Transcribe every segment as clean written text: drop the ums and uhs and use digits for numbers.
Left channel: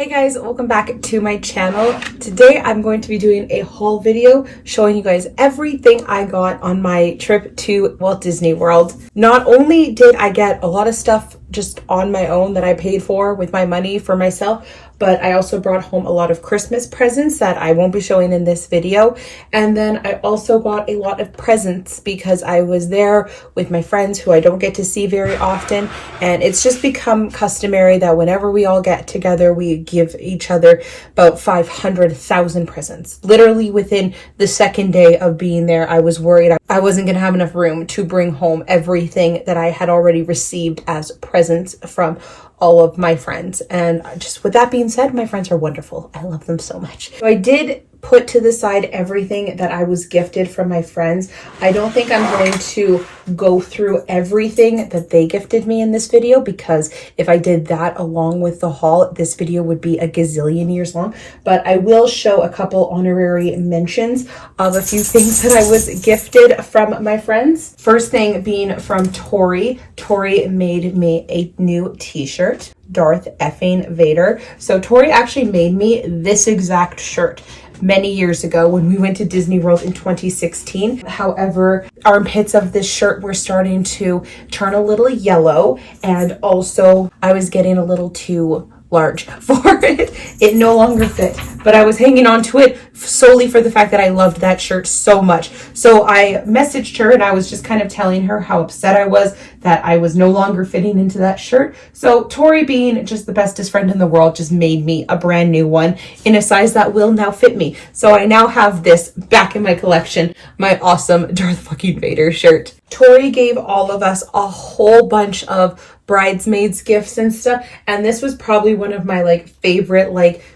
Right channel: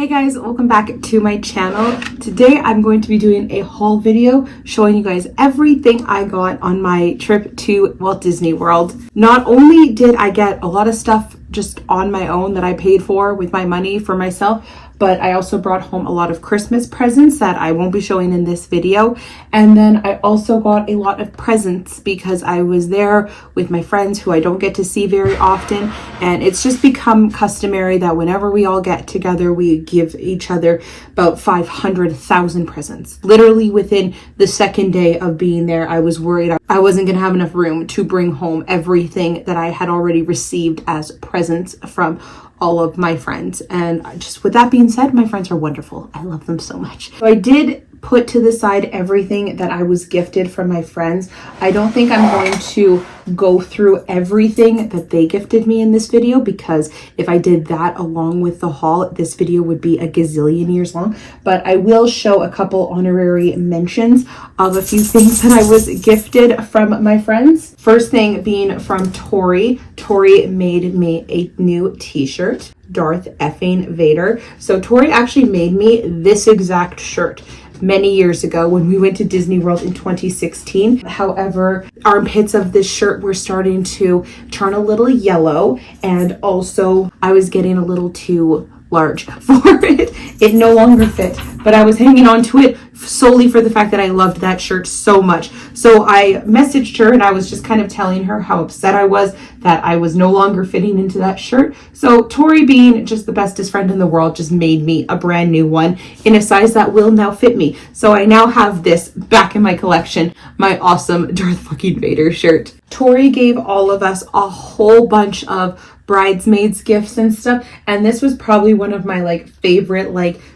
Hey guys, welcome back to my channel. Today I'm going to be doing a haul video showing you guys everything I got on my trip to Walt Disney World. Not only did I get a lot of stuff just on my own that I paid for with my money for myself, but I also brought home a lot of Christmas presents that I won't be showing in this video. And then I also got a lot of presents because I was there with my friends who I don't get to see very often. And it's just become customary that whenever we all get together, we give each other about 500,000 presents. Literally within the second day of being there, I was worried I wasn't gonna have enough room to bring home everything that I had already received as presents from all of my friends. And just with that being said, my friends are wonderful. I love them so much. So I did put to the side everything that I was gifted from my friends. I don't think I'm going to go through everything that they gifted me in this video, because if I did that along with the haul, this video would be a gazillion years long. But I will show a couple honorary mentions of a few things that I was gifted from my friends. First thing being from Tori. Tori made me a new t-shirt, Darth effing Vader. So Tori actually made me this exact shirt many years ago when we went to Disney World in 2016. However, armpits of this shirt were starting to turn a little yellow, and also I was getting a little too large for it. It no longer fit, but I was hanging on to it solely for the fact that I loved that shirt so much. So I messaged her and I was just kind of telling her how upset I was that I was no longer fitting into that shirt. So Tori, being just the bestest friend in the world, just made me a brand new one in a size that will now fit me. So I now have this back in my collection, my awesome Darth fucking Vader shirt. Tori gave all of us a whole bunch of bridesmaids gifts and stuff, and this was probably one of my favorite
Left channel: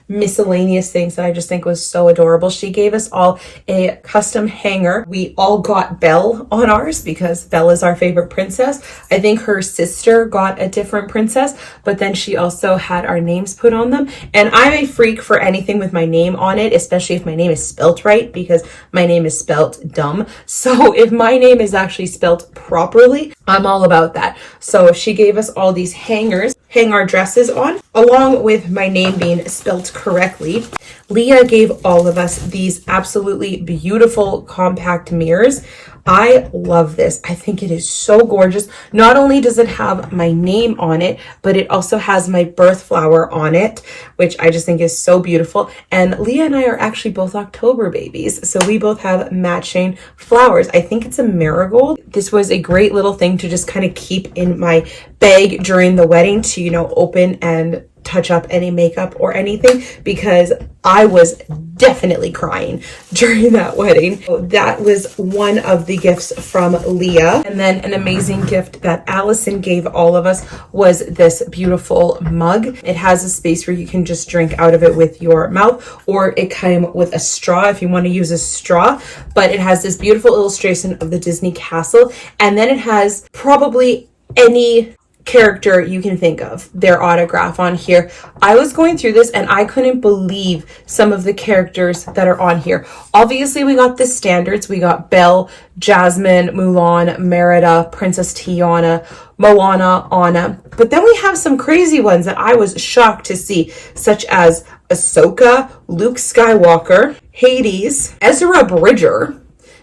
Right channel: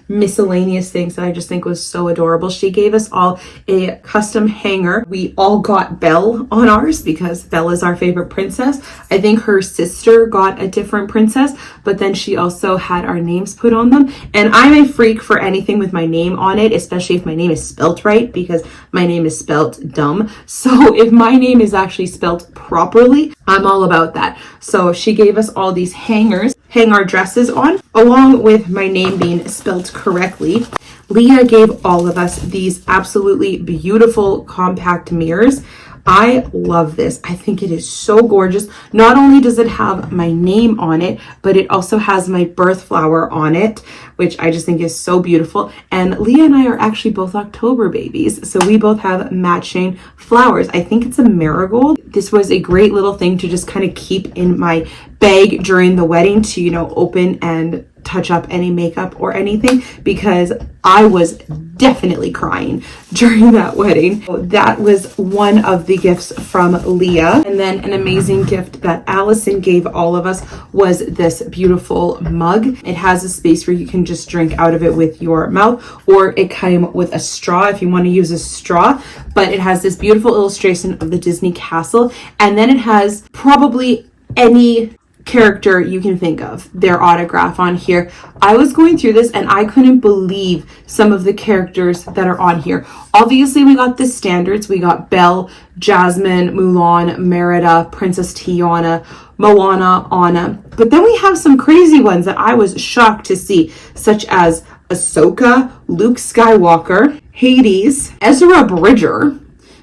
miscellaneous things that I just think was so adorable. She gave us all a custom hanger. We all got Belle on ours because Belle is our favorite princess. I think her sister got a different princess, but then she also had our names put on them. And I'm a freak for anything with my name on it, especially if my name is spelt right, because my name is spelt dumb. So if my name is actually spelt properly, I'm all about that. So she gave us all these hangers, hang our dresses on, along with my name being spelled correctly. Leah gave all of us these absolutely beautiful compact mirrors. I love this. I think it is so gorgeous. Not only does it have my name on it, but it also has my birth flower on it, which I just think is so beautiful. And Leah and I are actually both October babies, so we both have matching flowers. I think it's a marigold. This was a great little thing to just kind of keep in my bag during the wedding to, open and touch up any makeup or anything, because I was definitely crying during that wedding. So that was one of the gifts from Leah. And then an amazing gift that Allison gave all of us was this beautiful mug. It has a space where you can just drink out of it with your mouth, or it came with a straw if you want to use a straw. But it has this beautiful illustration of the Disney castle, and then it has probably any character you can think of, their autograph on here. I was going through this and I couldn't believe some of the characters that are on here. Obviously, we got the standards. We got Belle, Jasmine, Mulan, Merida, Princess Tiana, Moana, Anna. But then we have some crazy ones that I was shocked to see, such as Ahsoka, Luke Skywalker, Hades, Ezra Bridger,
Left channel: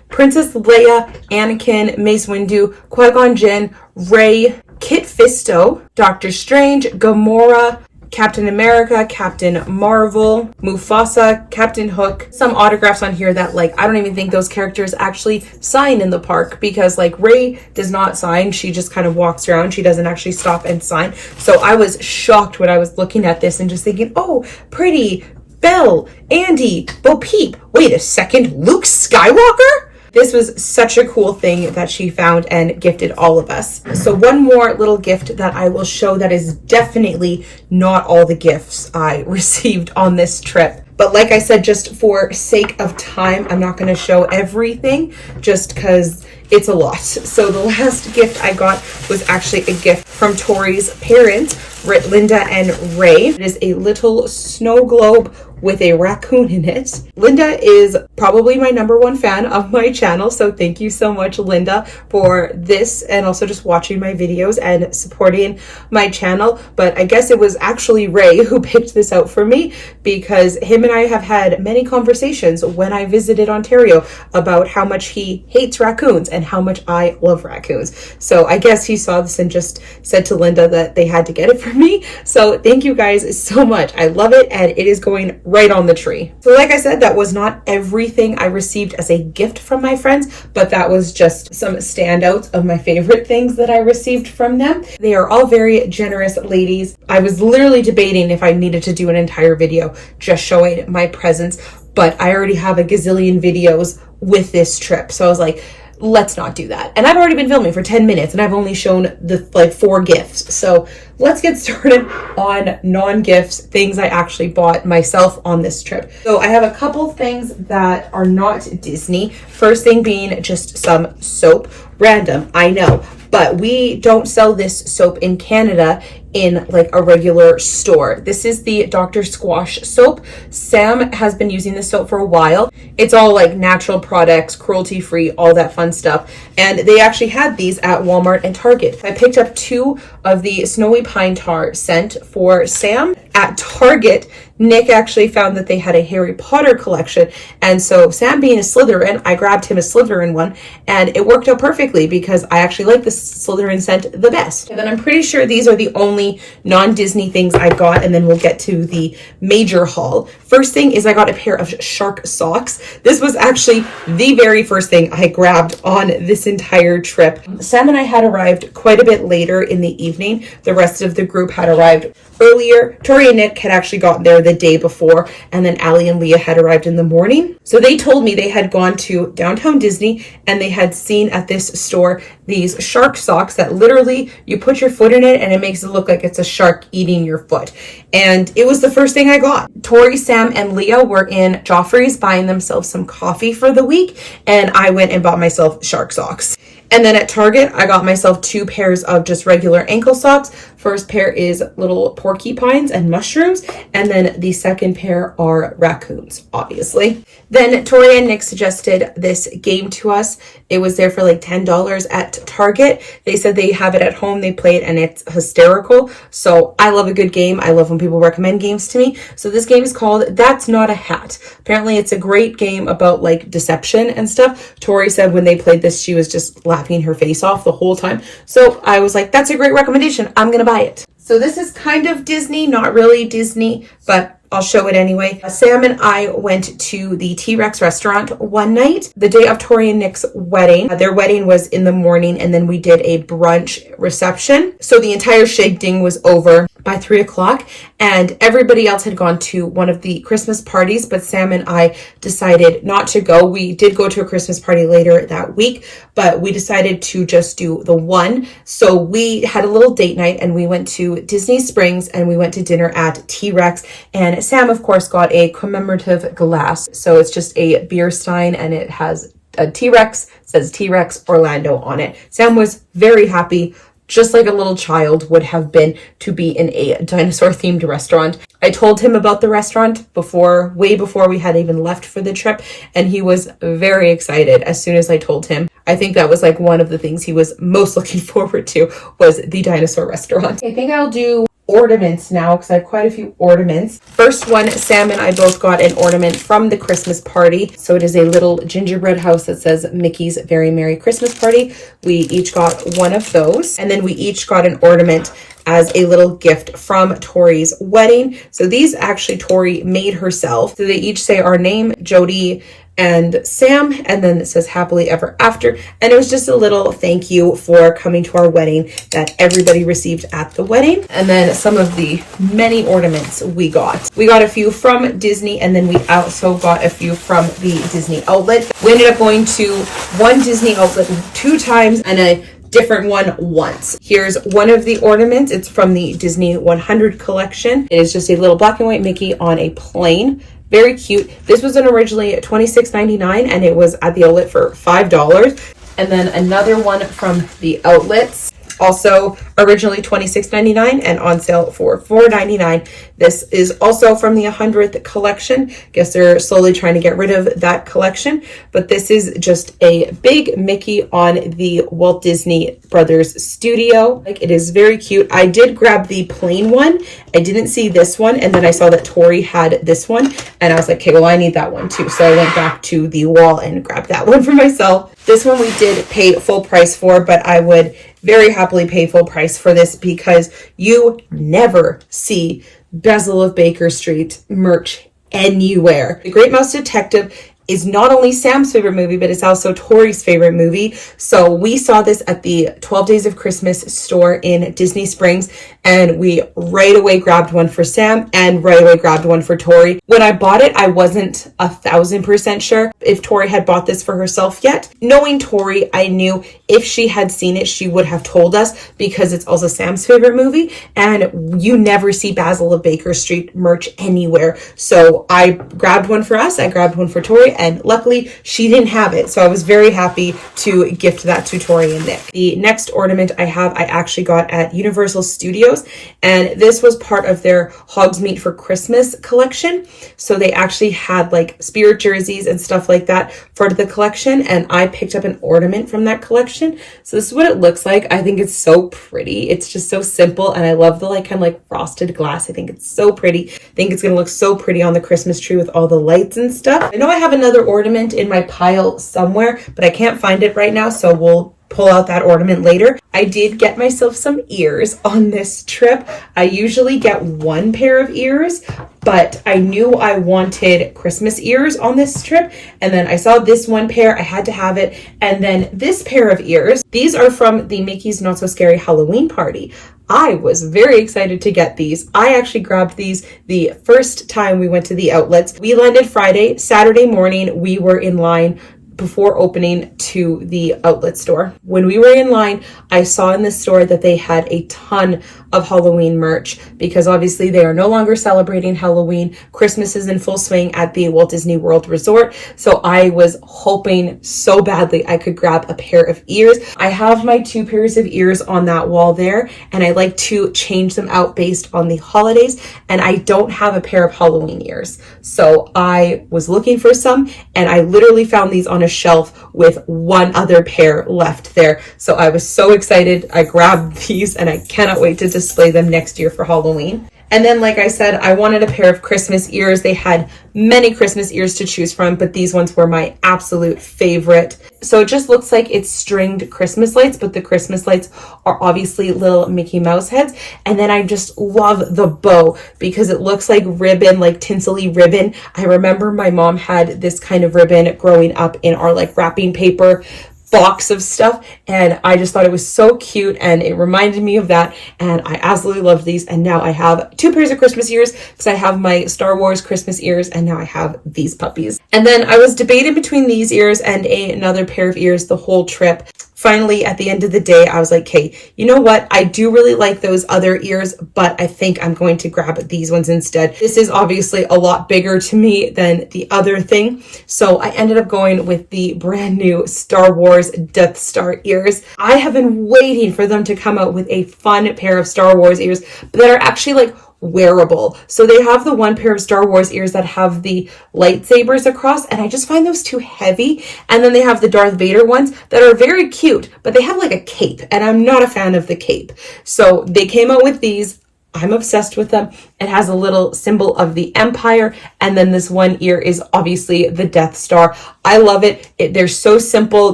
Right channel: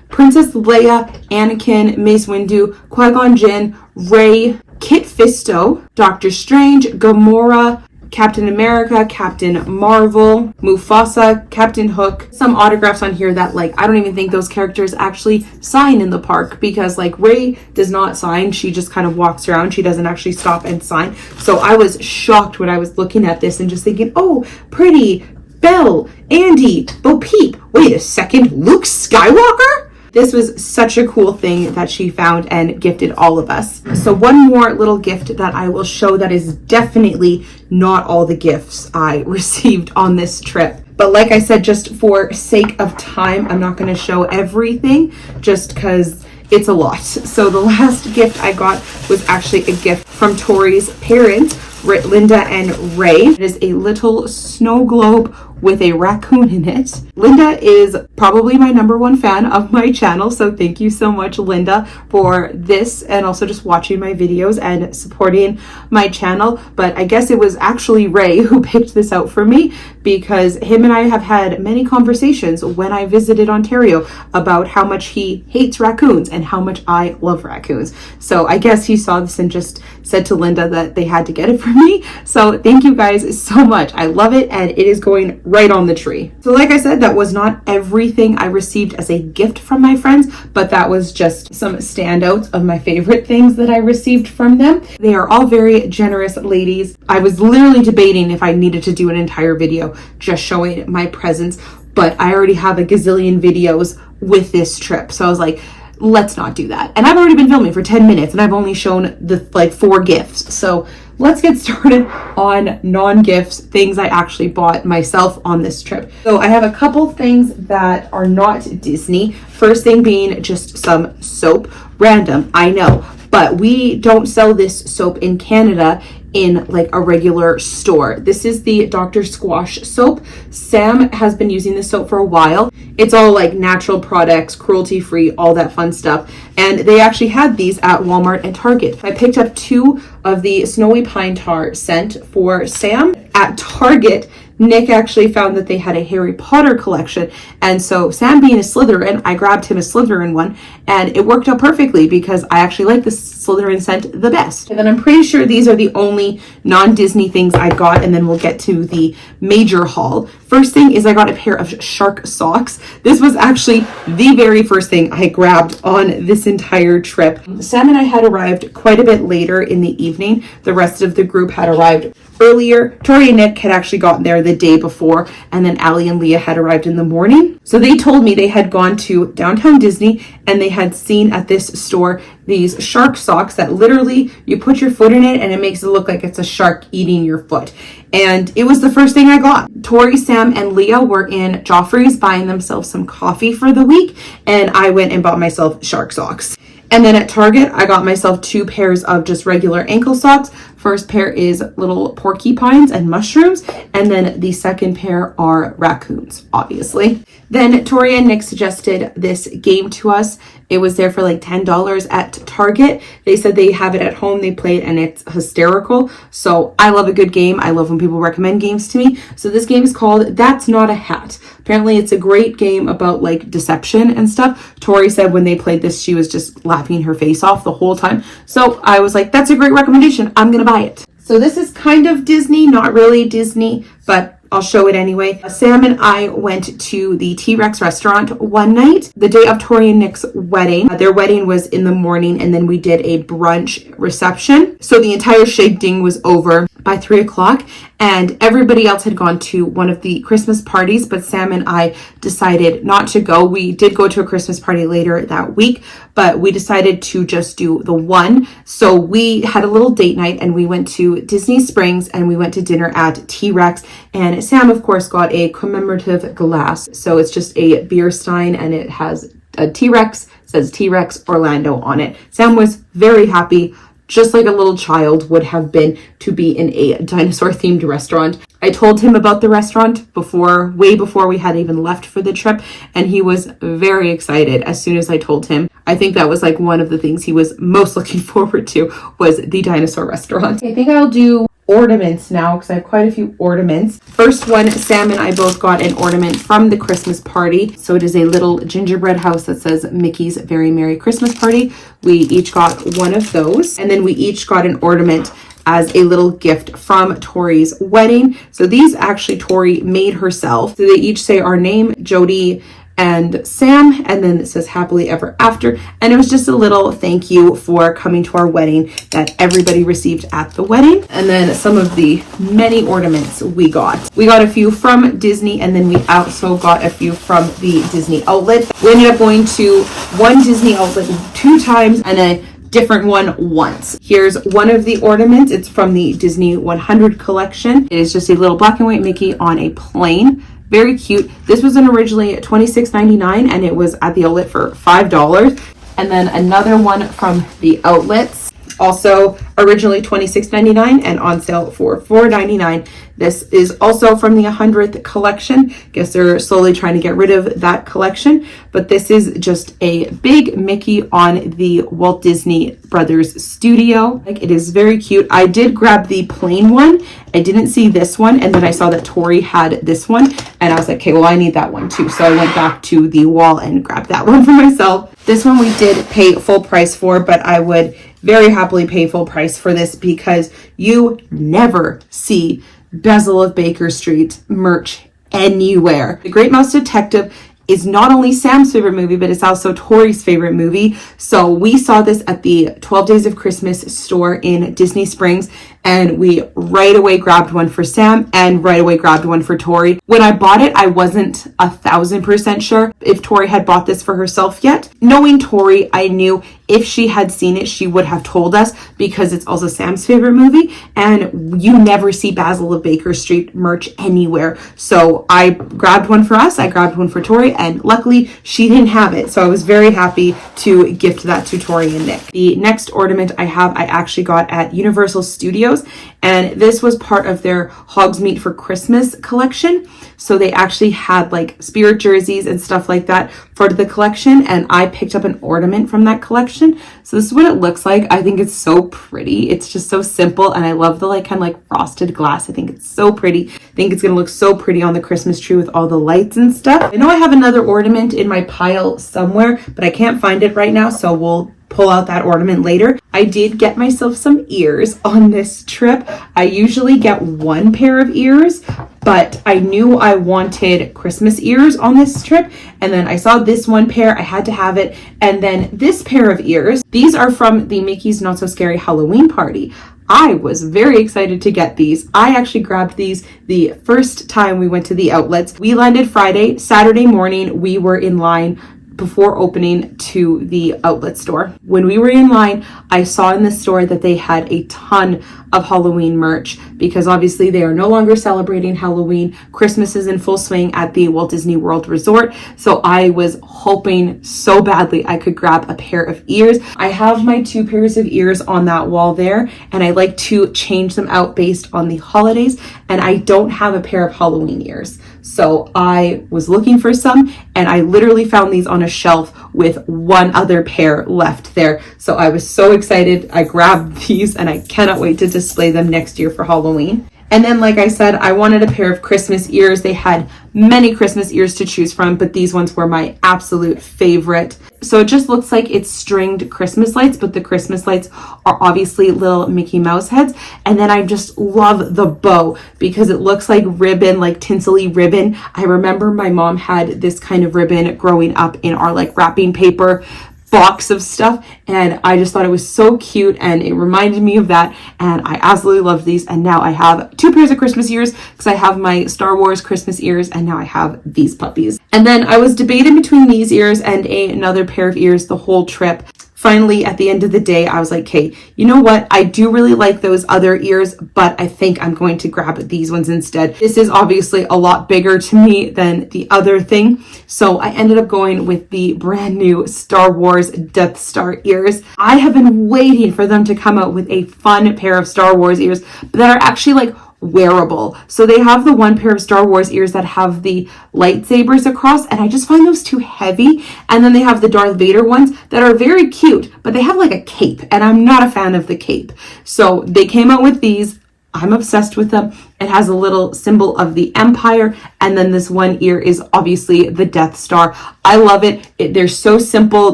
Princess Leia, Anakin, Mace Windu, Qui-Gon Jinn, Rey, Kit Fisto, Doctor Strange, Gamora, Captain America, Captain Marvel, Mufasa, Captain Hook. Some autographs on here that I don't even think those characters actually sign in the park, because Rey does not sign. She just kind of walks around. She doesn't actually stop and sign. So I was shocked when I was looking at this and just thinking, oh, pretty, Belle, Andy, Bo Peep. Wait a second, Luke Skywalker? This was such a cool thing that she found and gifted all of us. So one more little gift that I will show that is definitely not all the gifts I received on this trip. But like I said, just for sake of time, I'm not going to show everything just because it's a lot. So the last gift I got was actually a gift from Tori's parents, Linda and Ray. It is a little snow globe with a raccoon in it. Linda is probably my #1 fan of my channel, so thank you so much, Linda, for this, and also just watching my videos and supporting my channel. But I guess it was actually Ray who picked this out for me, because him and I have had many conversations when I visited Ontario about how much he hates raccoons and how much I love raccoons. So I guess he saw this and just said to Linda that they had to get it for me. So thank you guys so much. I love it, and it is going right on the tree. So like I said, that was not everything I received as a gift from my friends, but that was just some standouts of my favorite things that I received from them. They are all very generous ladies. I was literally debating if I needed to do an entire video just showing my presents, but I already have a gazillion videos with this trip. So I was like, let's not do that. And I've already been filming for 10 minutes and I've only shown the 4 gifts. So let's get started on non-gifts, things I actually bought myself on this trip. So I have a couple things that are not Disney. First thing being just some soap. Random, I know, but we don't sell this soap in Canada in like a regular store. This is the Dr. Squash soap. Sam has been using this soap for a while. It's all like natural products, cruelty-free, all that fun stuff. And they actually had these at Walmart and Target. I picked up 2 of the Snowy Pine Tar scent for Sam at Target. Nick actually found that they had a Harry Potter collection. And so Sam being a Slytherin, I grabbed him a Slytherin one, and it worked out perfectly because I actually like the Slytherin scent the best. And then I'm pretty sure these are the only non-Disney things I got, and then we'll get to the major haul. First thing is I got a pair of shark socks. This was actually the very first thing I grabbed on this entire trip. Sam and I had arrived quite a bit later in the evening. The rest of the group had arrived earlier. Tori and Nick had actually gotten there the day before, and then Allie and Leah had arrived in the morning. So they told me they had gone to downtown Disney and they had seen at this store these shark socks that literally you put your foot in it and it makes it look like it's a shark eating your foot. And it was the first thing I got. Tori, Sam, and Leah were in Joffrey's buying themselves some coffee for the week, and I went and bought myself shark socks. And then at Target, I got myself 2 pairs of just regular ankle socks. First pair is little porcupines and mushrooms, and then the second pair are raccoons, obviously. Then Tori and Nick suggested this game to us. It was there for like $10 at Target. They said they have it at home, they play it, and it's hysterical. So I love a good game. I love when people recommend games to me. So this game is called That's Not a Hat. Apparently it's a great game about like deception and stuff. Tori said when they played this, she was just laughing her face off the whole time. So I was like, that's a great recommendation. I'm gonna buy it. So this is kind of Disney, not really Disney, but I'll show it anyway. Sam and I went to the T-Rex restaurant one night, the day of Tori and Nick's wedding. Their wedding was in the morning, and then we did a brunch reception. So the entire shig ding was over by 3 o'clock, and everybody else had gone to one of the Christmas parties, but Sam and I decided not to go. We did go to a Christmas party later that week, but we decided to just do the one. So we had a little date night and we went to Disney Springs and we went to dinner at T-Rex, and Sam of course got a commemorative glass. So it's just a beer stein and it has a T-Rex, says T-Rex Orlando on it. Sam was very happy, just like a little child would have been, to be in a dinosaur themed restaurant. I told him about the restaurant way before we had even left for the trip, and he was very excited as soon as I told him. I think that was like one of the things he was most looking forward to, was the dinosaur restaurant. I think I'll do ornaments now because I have quite a few ornaments. First one, Sam and I both got an ornament from the Christmas party. So it is a little gingerbread house that says Mickey's Very Merry Christmas Party. We each got one of those, and then we each got an ornament as a little gift from Tori's wedding. So these actually Tori made herself. So they each say our name, Jodey and Sam, and then it says happily ever after. And it was just a little thank you for coming to our wedding that everybody received at the wedding. And then some of the many ornaments we got. We got a few from Disney, and then we also got a few from the Disney outlet. We ended up going to one Disney outlet 2 times and a different one once. Here's one of the ornaments. It's from the Disney 100 collection. It is just a little black and white Mickey on a plane. Very cute. This was originally $26.99 and it was at the outlet for $5. And then another one from the outlets. Also originally $26.99 and on sale for $4.99. This is also from the 100th collection. Guess they're slowly trying to get rid of that collection, but this is just a big Mickey on the Walt Disney Brothers studio. Like, it is very cute. I did grab the plain one. I didn't see this one, and then I saw that Tori had this one, and I was like, okay, well, I need that one too. So I went back to the wall and grabbed that one for myself. This one we did pay full price for, but I would very happily pay full price for this because you never see Basil of Baker Street merch anywhere. The Great Mouse Detective is not only Sam's favorite movie, but it's also Tori's favorite movie. So we saw this at the 12 Days of Christmas store in Disney Springs, and we right away grabbed one for Sam and right away grabbed one for Tori. When I bought it, I wasn't 1,000% sure if Tori had bought this for herself yet. Knowing Tori, I knew if she had seen it, she would have told us because it's also Sam's favorite movie, and you never see Basil of Baker Street merch anywhere. So I grabbed one for us, I grabbed one for Tori, and luckily she didn't have it. So I was very happy to gift that to Tori and Nick. The next ornament I actually got at Universal Studios, and this was part of their Hogsmeade for Christmas collection. So they actually had like spirit jerseys and stuff like that for the collection, and I picked up an ornament from that collection. So this is what it looks like. I think it's so pretty. It's just so simple, and I love the like kind of like frosted glass. I think it's so pretty. I think it's gonna look so pretty on the Christmas tree with all the lights and stuff. I know I have another ornament in my pile somewhere, but I can't find it right now, so we'll pull out that ornament later. I did get myself some ears on this trip. I usually get one pair of ears, but I knew I wanted Christmas ears on this trip, and then I saw this one pair, I had to have it, and then this pair of ears, these are from the Mickey's Not So Scary Halloween Party. I was very excited to get these. I actually grabbed these the first time we went to the outlets. We landed Friday. Saturday morning, we were in line before opening to the outlet store. When we were in line, I saw in the store that they had a ton of Halloween merch because obviously they are no longer celebrating Halloween. Christmas is in full swing at the Walt Disney World Resort. So I was hoping so badly I could grab a pair of ears. I have my 2 pairs of ears on that wall there, and I like to change them out based on the holidays, and I don't have a pair of Halloween ears. So I was looking for some, and I literally found these on a shelf with one other pair left there. So I was so excited. I grabbed these, and I cannot wait to display them next year for Halloween. And then, like I said, I wanted a pair of Christmas ears. They had many Christmas ears to choose from, but these ones were my absolute favorite. So it just looks like it's stringed Christmas lights, but the Christmas lights are obviously little Mickey Mouse heads. And then I just love the bow because it looks like ribbon, like tinsely ribbon. I remember my mom had this kind of ribbon growing up in our like wrapping paper box of stuff, and I just thought it was so cute, and it reminded me of that, and I absolutely loved these. And now I have 2 pairs of Christmas ears because I have my Star Wars Christmas ears, and now I have these puppies. And then I was debating between these ears and another pair of ears the whole trip. Finally, at the end of the day, I was like, hey, you know what? I do really like those other ears, but I think I'm going to grab these ones instead. This is obviously a lot bigger to me than the other thing. So I ended up going with the brand new Star Wars Death Star ears. I have been waiting for them to come out with a fun pair of Star Wars ears that are actually like wearable. So they have the one pair of Star Wars ears that have the lightsabers across, and I just find those too heavy. And then they have the Darth Vader ones that are very cute, but they have like a cape, and I'm not a fan of the cape. So they came out with these. I'm obsessed with them. It has a little symbol of the Empire, and then this one ear is obviously the Death Star. I love it. They're so simple.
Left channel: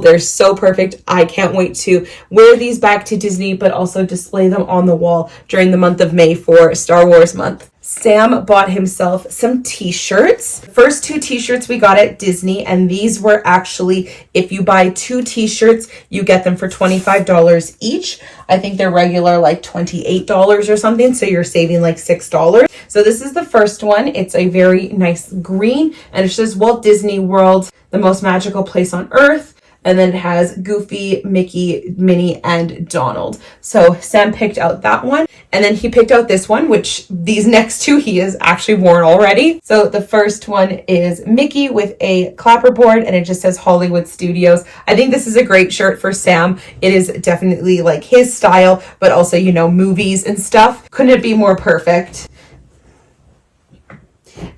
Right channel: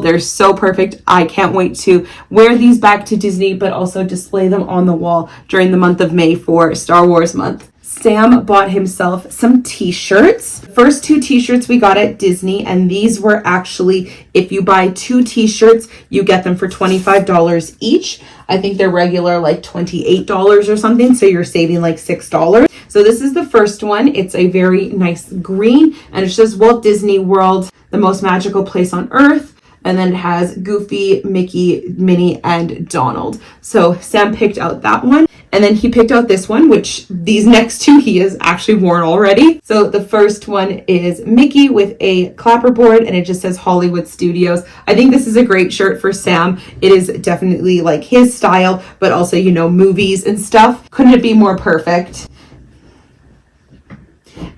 They're so perfect. I can't wait to wear these back to Disney, but also display them on the wall during the month of May for Star Wars month. Sam bought himself some t-shirts. First 2 t-shirts we got at Disney, and these were actually, if you buy 2 t-shirts, you get them for $25 each. I think they're regular like $28 or something, so you're saving like $6. So this is the first one. It's a very nice green, and it says Walt Disney World, the most magical place on earth. And then it has Goofy, Mickey, Minnie, and Donald. So Sam picked out that one. And then he picked out this one, which these next two he has actually worn already. So the first one is Mickey with a clapperboard, and it just says Hollywood Studios. I think this is a great shirt for Sam. It is definitely like his style, but also, you know, movies and stuff. Couldn't it be more perfect?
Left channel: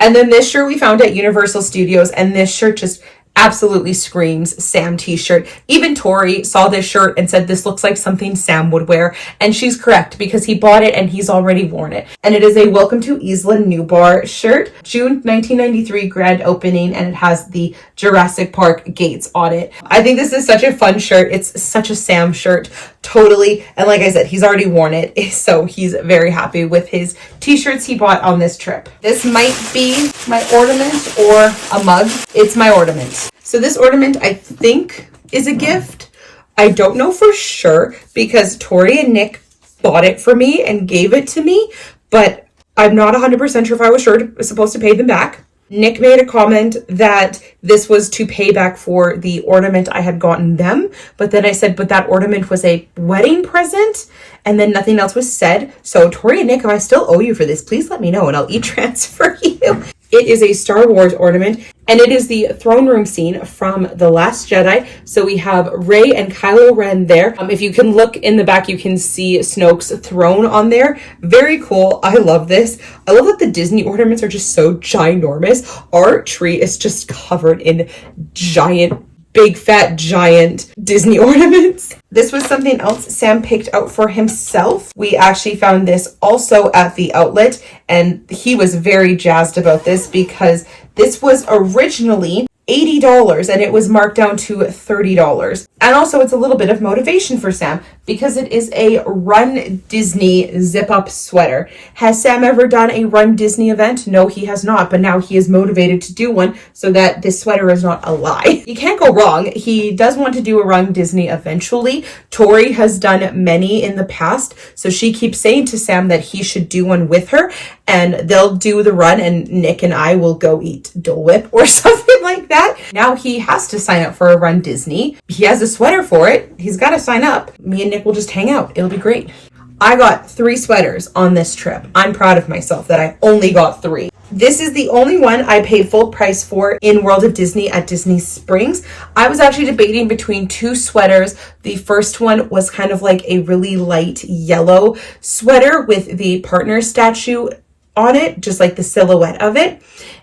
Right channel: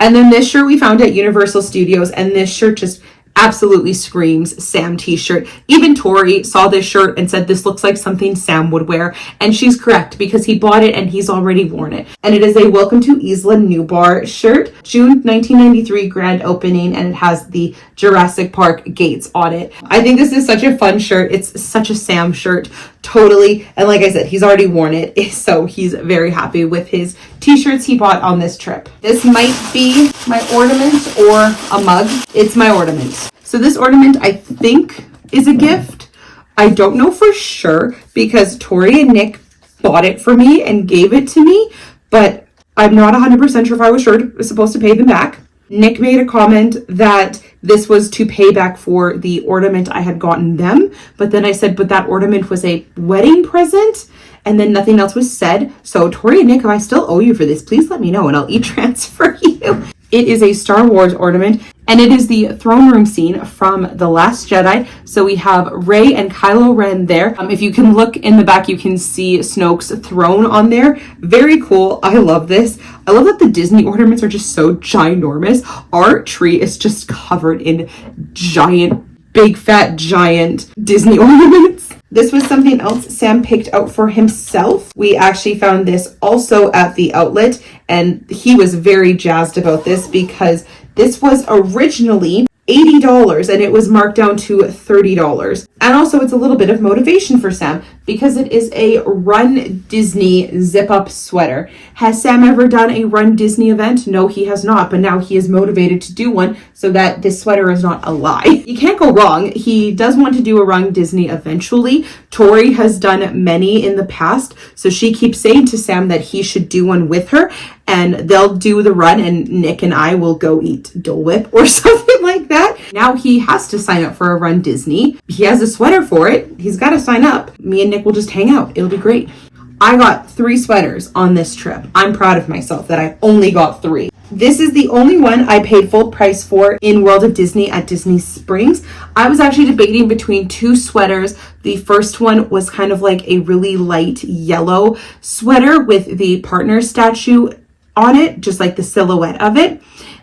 And then this shirt we found at Universal Studios, and this shirt just absolutely screams Sam t-shirt. Even Tori saw this shirt and said this looks like something Sam would wear, and she's correct because he bought it and he's already worn it. And it is a Welcome to Isla Nublar shirt, June 1993 grand opening, and it has the Jurassic Park gates on it. I think this is such a fun shirt. It's such a Sam shirt, totally. And like I said, he's already worn it, so he's very happy with his t-shirts he bought on this trip. This might be my ornament or a mug. It's my ornament. So this ornament, I think, is a gift. I don't know for sure because Tori and Nick bought it for me and gave it to me, but I'm not 100% sure if I was supposed to pay them back. Nick made a comment that this was to pay back for the ornament I had gotten them, but then I said, but that ornament was a wedding present, and then nothing else was said. So Tori and Nick, if I still owe you for this, please let me know and I'll e-transfer you. It is a Star Wars ornament, and it is the throne room scene from The Last Jedi. So we have Rey and Kylo Ren there. If you can look in the back, you can see Snoke's throne on there. Very cool. I love this. I love that the Disney ornaments are just so ginormous. Our tree is just covered in giant, big fat giant Disney ornaments. This was something else Sam picked out for himself. We actually found this also at the outlet, and he was very jazzed about this because this was originally $80 and it was marked down to $30. And also it's a little bit of motivation for Sam because it is a Run Disney zip-up sweater. Has Sam ever done a Run Disney event? No, he has not, but now he is motivated to do one so that this sweater is not a lie. You can't go wrong. He does want to do a Run Disney eventually. Tori has done many in the past, so she keeps saying to Sam that he should do one with her, and they'll do the run and Nick and I will go eat Dole Whip or something like that. Now he has to sign up for a Run Disney. He has a sweater for it. He's got to sign up. Me and Nick will just hang out. It'll be great. I got 3 sweaters on this trip. I'm proud of myself that I only got 3. This is the only one I paid full price for in World of Disney at Disney Springs. I was actually debating between 2 sweaters. The first one was kind of like a really light yellow sweater with the partner statue on it, just like the silhouette of it.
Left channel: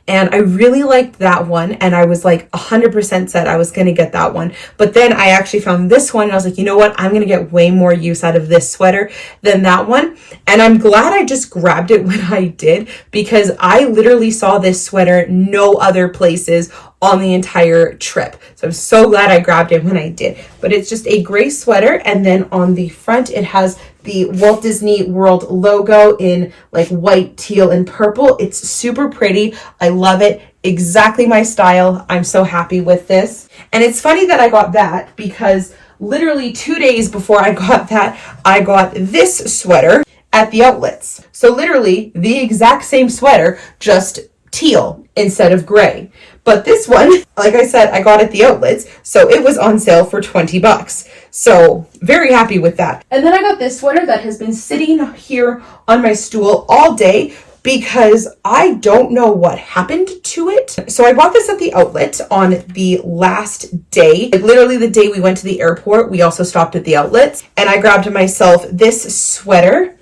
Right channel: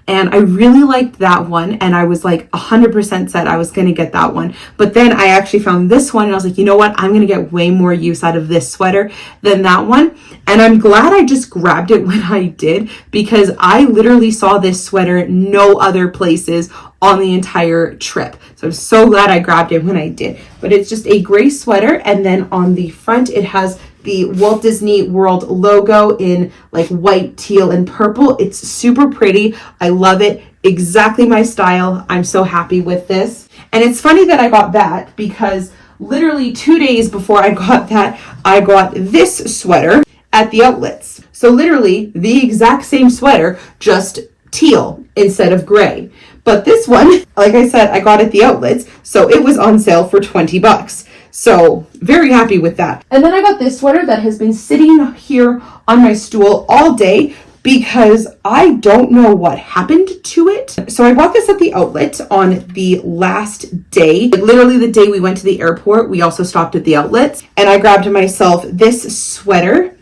And I really liked that one. And I was like 100% set I was going to get that one. But then I actually found this one and I was like, you know what? I'm going to get way more use out of this sweater than that one. And I'm glad I just grabbed it when I did, because I literally saw this sweater no other places on the entire trip. So I'm so glad I grabbed it when I did. But it's just a gray sweater, and then on the front it has the Walt Disney World logo in like white, teal, and purple. It's super pretty. I love it. Exactly my style. I'm so happy with this. And it's funny that I got that because literally 2 days before I got that, I got this sweater at the outlets. So literally the exact same sweater, just teal instead of gray. But this one, like I said, I got at the outlets, so it was on sale for $20. So very happy with that. And then I got this sweater that has been sitting here on my stool all day because I don't know what happened to it. So I bought this at the outlet on the last day. Literally the day we went to the airport, we also stopped at the outlets, and I grabbed myself this sweater,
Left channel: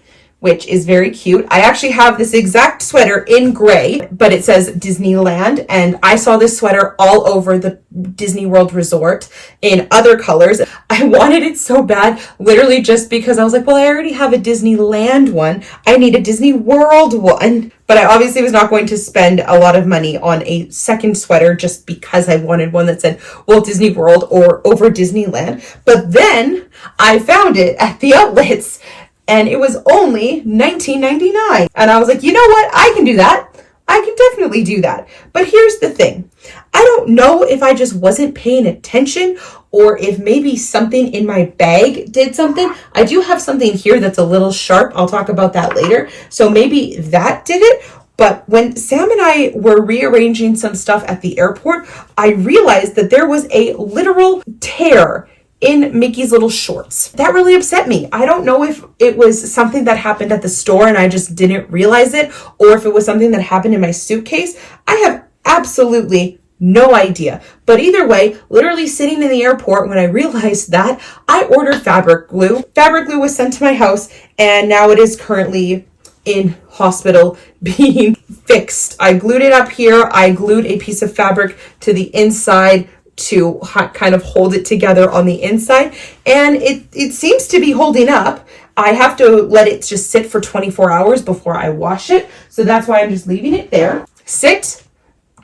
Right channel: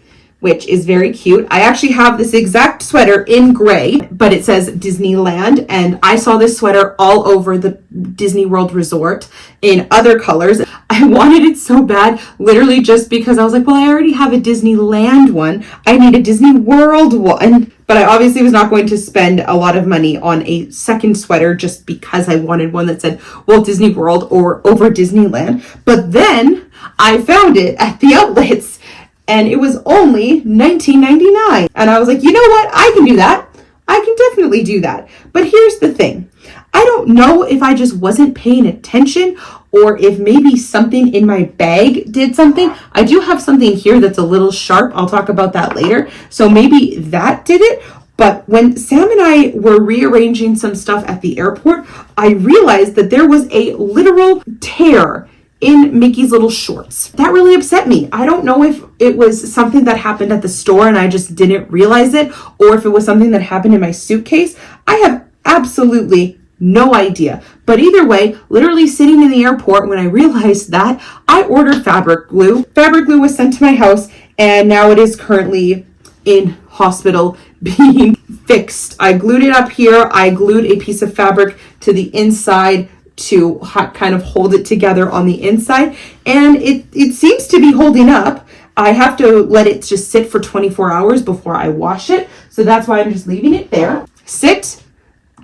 which is very cute. I actually have this exact sweater in gray, but it says Disneyland, and I saw this sweater all over the Disney World Resort in other colors. I wanted it so bad, literally just because I was like, well, I already have a Disneyland one. I need a Disney World one. But I obviously was not going to spend a lot of money on a second sweater just because I wanted one that said Walt Disney World or over Disneyland. But then I found it at the outlets, and it was only $19.99. And I was like, you know what? I can do that. I can definitely do that. But here's the thing. I don't know if I just wasn't paying attention or if maybe something in my bag did something. I do have something here that's a little sharp. I'll talk about that later. So maybe that did it. But when Sam and I were rearranging some stuff at the airport, I realized that there was a literal tear in Mickey's little shorts. That really upset me. I don't know if it was something that happened at the store and I just didn't realize it, or if it was something that happened in my suitcase. I have absolutely no idea. But either way, literally sitting in the airport when I realized that, I ordered fabric glue. Fabric glue was sent to my house, and now it is currently in hospital being fixed. I glued it up here. I glued a piece of fabric to the inside to kind of hold it together on the inside, and it seems to be holding up. I have to let it just sit for 24 hours before I wash it, so that's why I'm just leaving it there. Sit,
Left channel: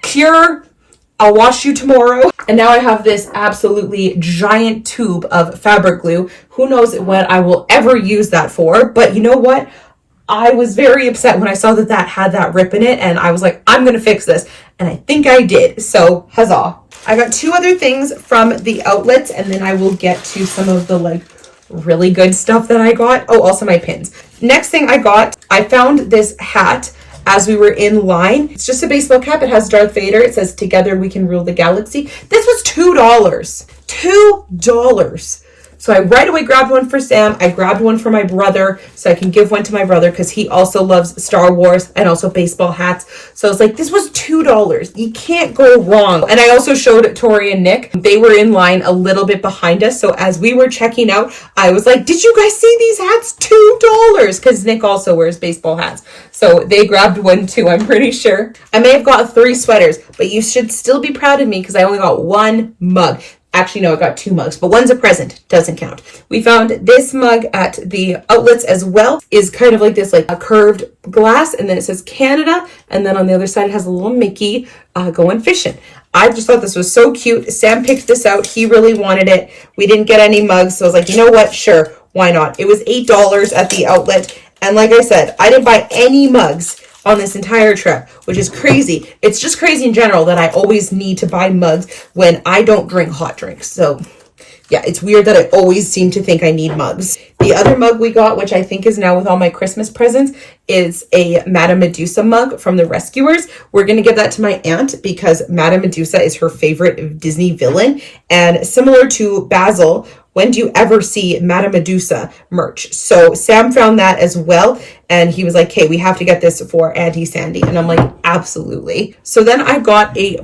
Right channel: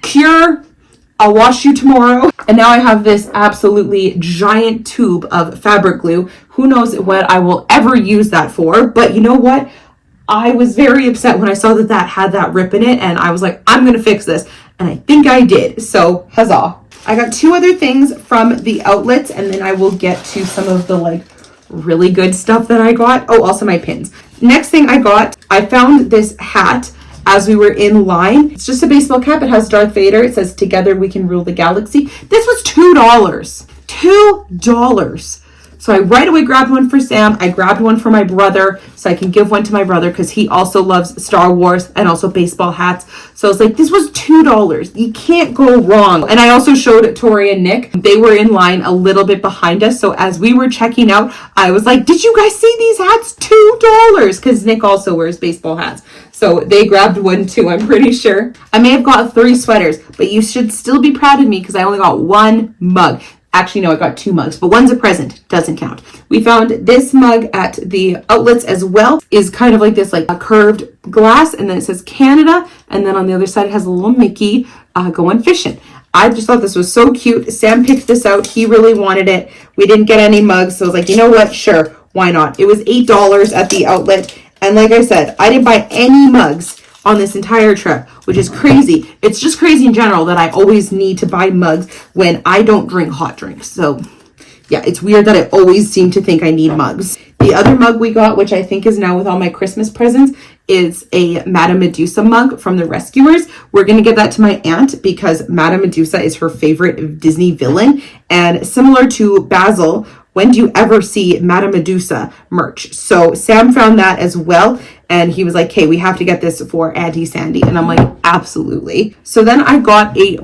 cure, I'll wash you tomorrow. And now I have this absolutely giant tube of fabric glue. Who knows what I will ever use that for, but you know what? I was very upset when I saw that that had that rip in it, and I was like, I'm gonna fix this, and I think I did, so huzzah. I got two other things from the outlets, and then I will get to some of the like really good stuff that I got. Oh, also my pins. Next thing I got, I found this hat as we were in line. It's just a baseball cap. It has Darth Vader. It says, "Together we can rule the galaxy." This was $2. $2. So I right away grabbed one for Sam. I grabbed one for my brother so I can give one to my brother because he also loves Star Wars and also baseball hats. So I was like, this was $2. You can't go wrong. And I also showed Tori and Nick. They were in line a little bit behind us. So as we were checking out, I was like, did you guys see these hats? $2. Because Nick also wears baseball hats. So they grabbed one too, I'm pretty sure. I may have got 3 sweaters, but you should still be proud of me because I only got 1 mug. Actually, no, I got 2 mugs, but one's a present, doesn't count. We found this mug at the outlets as well. Is kind of like this, like a curved glass, and then it says Canada, and then on the other side it has a little Mickey going fishing. I just thought this was so cute. Sam picked this out. He really wanted it. We didn't get any mugs, so I was like, you know what? Sure, why not? It was $8 at the outlet, and like I said, I didn't buy any mugs on this entire trip, which is crazy. It's just crazy in general that I always need to buy mugs when I don't drink hot drinks. So yeah, it's weird that I always seem to think I need mugs. The other mug we got, which I think is now with all my Christmas presents, is a Madame Medusa mug from the Rescuers. We're going to give that to my aunt because Madame Medusa is her favorite Disney villain. And similar to Basil, when do you ever see Madame Medusa merch? So Sam found that as well. And he was like, hey, we have to get this for Auntie Sandy. And I'm like, absolutely. So then I got a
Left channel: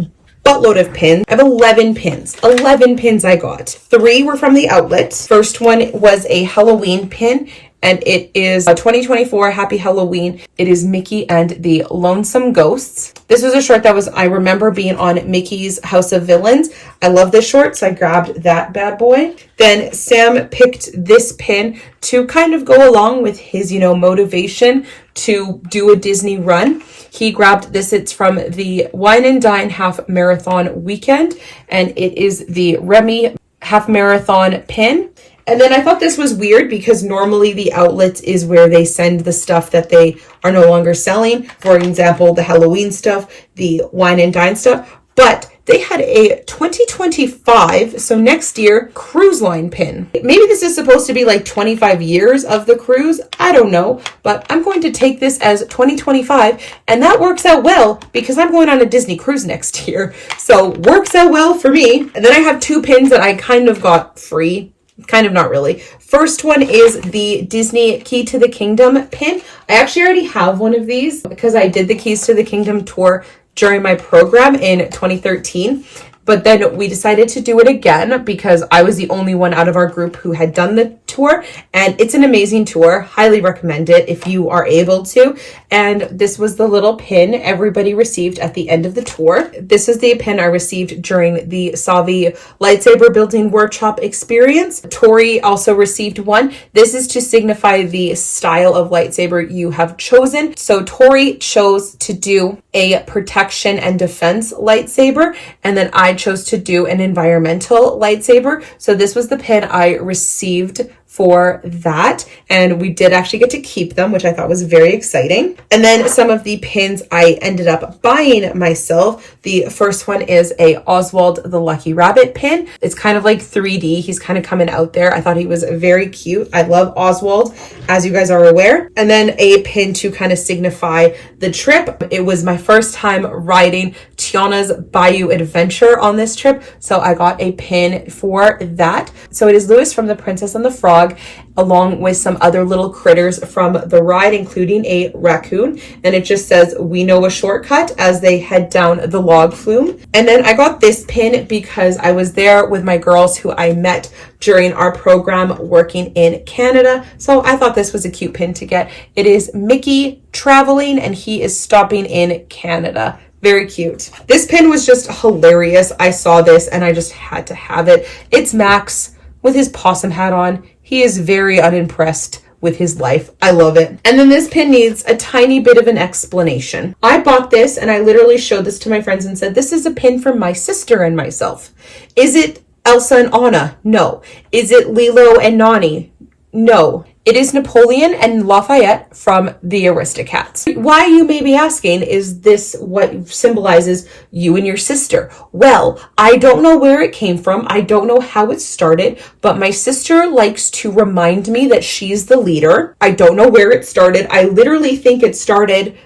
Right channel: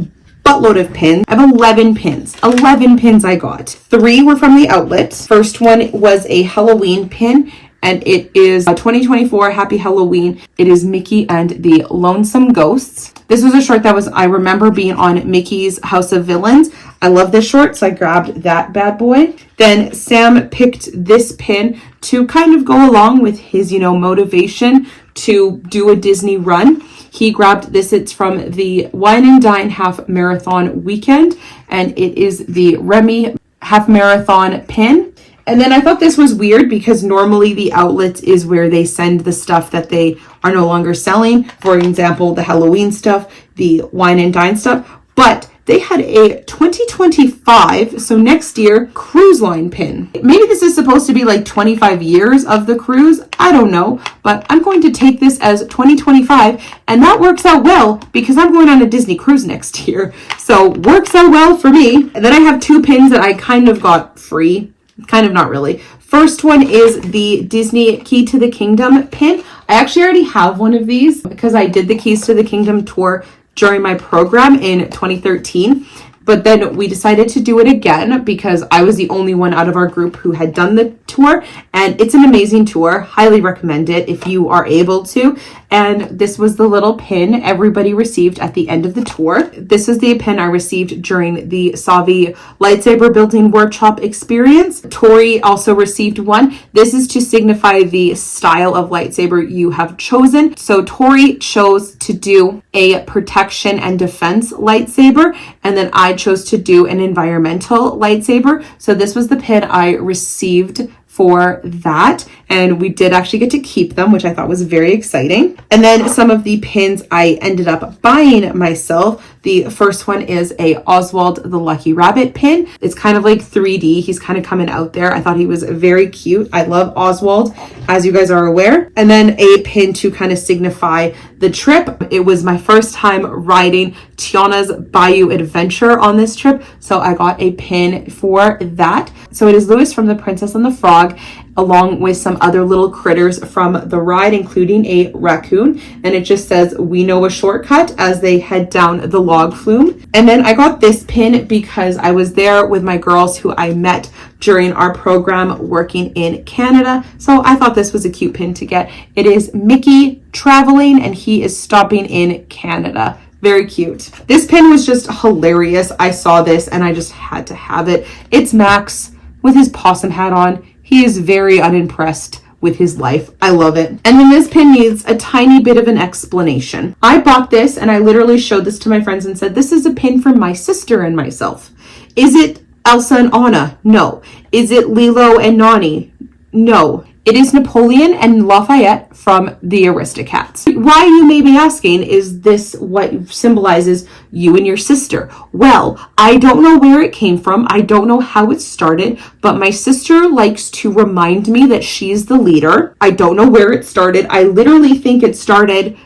buttload of pins. I have 11 pins. 11 pins I got. 3 were from the outlets. First one was a Halloween pin, and it is a 2024 Happy Halloween. It is Mickey and the Lonesome Ghosts. This was a short that I remember being on Mickey's House of Villains. I love this short, so I grabbed that bad boy. Then Sam picked this pin to kind of go along with his, motivation to do a Disney run. He grabbed this. It's from the Wine and Dine Half Marathon Weekend, and it is the Remy Half Marathon pin. And then I thought this was weird because normally the outlets is where they send the stuff that they are no longer selling. For example, the Halloween stuff, the Wine and Dine stuff. But they had a 2025, so next year, cruise line pin. Maybe this is supposed to be like 25 years of the cruise. I don't know, but I'm going to take this as 2025, and that works out well because I'm going on a Disney cruise next year. So works out well for me. And then I have 2 pins that I kind of got free. Kind of, not really. First one is the Disney Key to the Kingdom pin. I actually already have one of these because I did the Keys to the Kingdom tour during my program in 2013. But then we decided to do it again because I was the only one out of our group who had done the tour. And it's an amazing tour. Highly recommend it if you are able to. And this was the little pin everybody received at the end of the tour. This is the pin I received during the Savi lightsaber building workshop experience. Tori also received one. This is to signify the style of lightsaber you have chosen. So Tori chose to do a protection and defense lightsaber, and then I chose to do an environmental lightsaber. So this was the pin I received for that, and we did actually get to keep them, which I thought was very exciting. And then some of the pins I ended up buying myself. The first one is a Oswald the Lucky Rabbit pin. It's kind of like 3D. He's kind of coming out there. I thought he was very cute. I love Oswald, as you guys are aware. And then a pin to kind of signify the trip. It was my first time riding Tiana's Bayou Adventure on this trip, so I got a pin for that. So it is Louis from The Princess and the Frog, along with some other little critters from the ride, including a raccoon. And it just says, "We know a shortcut," as they head down the log flume. And then I got this pin because I was there with my girls who I met during our program working in Canada. So I thought this was a cute pin to get. It is Mickey traveling and he is stopping in Canada. Very cute. This pin was just hilarious. I saw this and I just had to have it. It's Max with his possum hat on. He is very unimpressed with his life. I love it. And then this pin needs a tiny bit of an explanation. I bought this and I literally showed this to my friends and said, "This is a pin for my sister and myself." Is it Elsa and Anna? No. Is it Lilo and Nani? No. It is Napoleon and Lafayette from the Aristocats. Why, you may be asking, is this what symbolizes you and your sister? Well, I don't know where it came from. I don't know how it started, but my sister likes to remind me that she's the leader. I don't know where it started. I literally think it started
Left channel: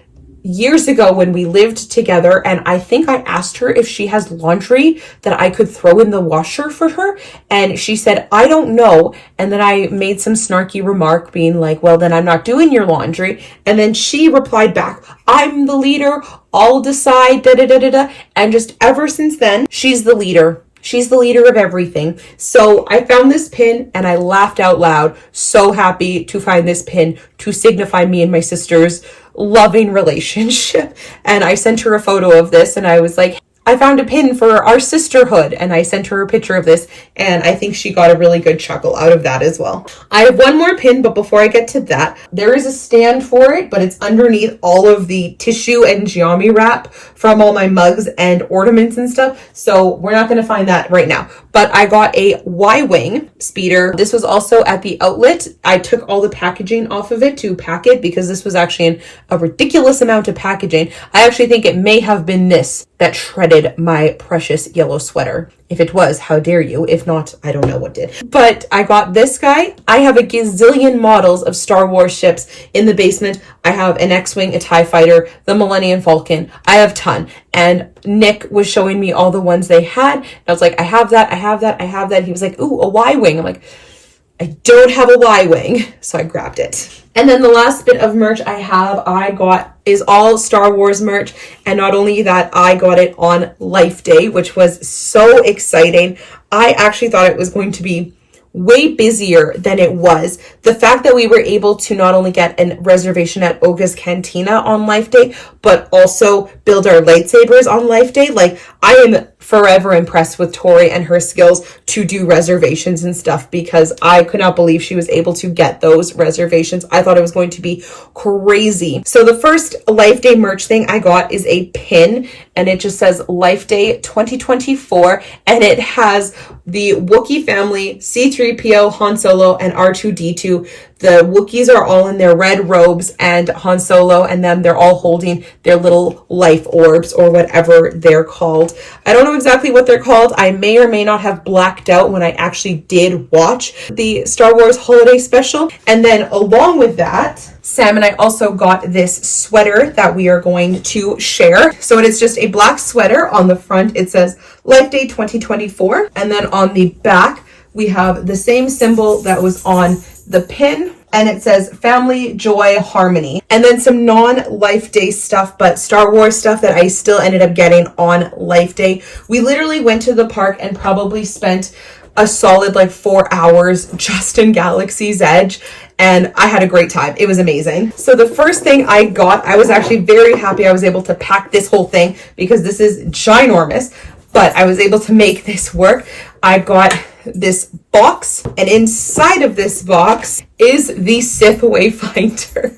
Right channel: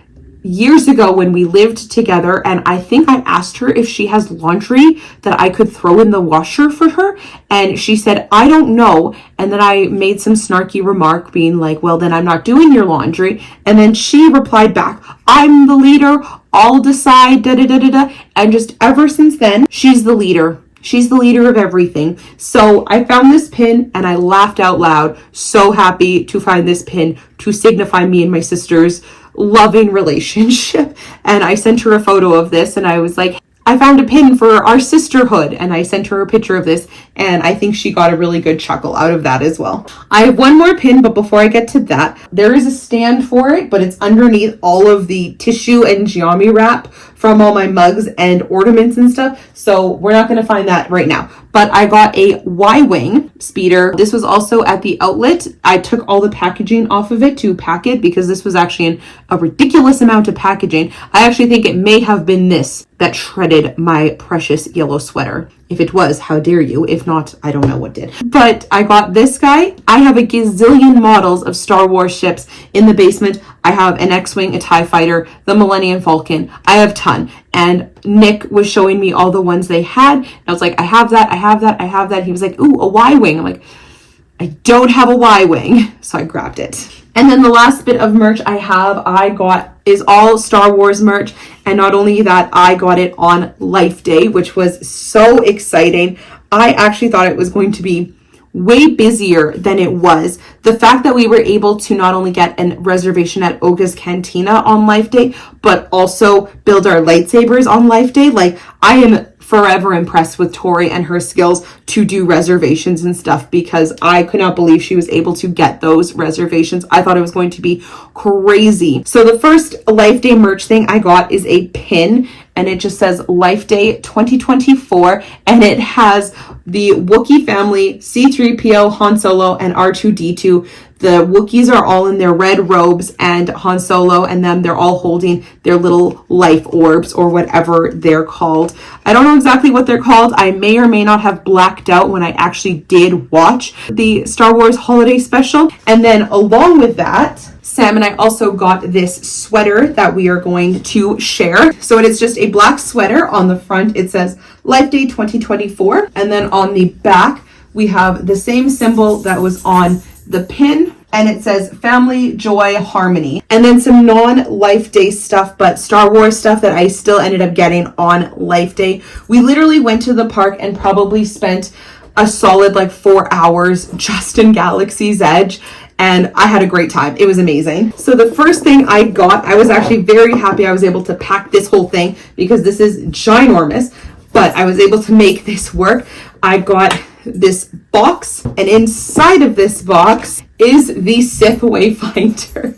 years ago when we lived together, and I think I asked her if she has laundry that I could throw in the washer for her, and she said, "I don't know." And then I made some snarky remark being like, "Well, then I'm not doing your laundry." And then she replied back, "I'm the leader, I'll decide, da da da da da." And just ever since then, she's the leader. She's the leader of everything. So I found this pin and I laughed out loud. So happy to find this pin to signify me and my sister's loving relationship. And I sent her a photo of this and I was like, "I found a pin for our sisterhood." And I sent her a picture of this and I think she got a really good chuckle out of that as well. I have one more pin, but before I get to that, there is a stand for it, but it's underneath all of the tissue and geometry wrap from all my mugs and ornaments and stuff. So we're not going to find that right now. But I got a Y-Wing speeder. This was also at the outlet. I took all the packaging off of it to pack it because this was actually in a ridiculous amount of packaging. I actually think it may have been this that shredded my precious yellow sweater. If it was, how dare you? If not, I don't know what did. But I got this guy. I have a gazillion models of Star Wars ships in the basement. I have an X-Wing, a TIE Fighter, the Millennium Falcon. I have a ton. And Nick was showing me all the ones they had. And I was like, "I have that, I have that, I have that." He was like, "Ooh, a Y-Wing." I'm like, "I don't have a Y-Wing." So I grabbed it. And then the last bit of merch I got is all Star Wars merch. And not only that, I got it on Life Day, which was so exciting. I actually thought it was going to be way busier than it was. The fact that we were able to not only get a reservation at Oga's Cantina on Life Day, but also build our lightsabers on Life Day. Like, I am forever impressed with Tori and her skills to do reservations and stuff, because I could not believe she was able to get those reservations. I thought it was going to be crazy. So the first Life Day merch thing I got is a pin, and it just says Life Day 2024, and it has the Wookiee family, C-3PO, Han Solo, and R2-D2. The Wookiees are all in their red robes, and Han Solo and them, they're all holding their little life orbs or whatever they're called. I don't know exactly what they're called. I may or may not have blacked out when I actually did watch the Star Wars holiday special. And then along with that, Sam and I also got this sweater that we are going to share. So it is just a black sweater. On the front, it says Life Day 2024. And then on the back, we have the same symbol that was on the pin, and it says family, joy, harmony. And then some non-Life Day stuff, but Star Wars stuff that I still ended up getting on Life Day. We literally went to the park and probably spent a solid 4 hours just in Galaxy's Edge, and I had a great time. It was amazing. So the first thing I got, I was actually very happy I was able to pack this whole thing because this is ginormous, but I was able to make this work. I got this box, and inside of this box is the Sith Wayfinder.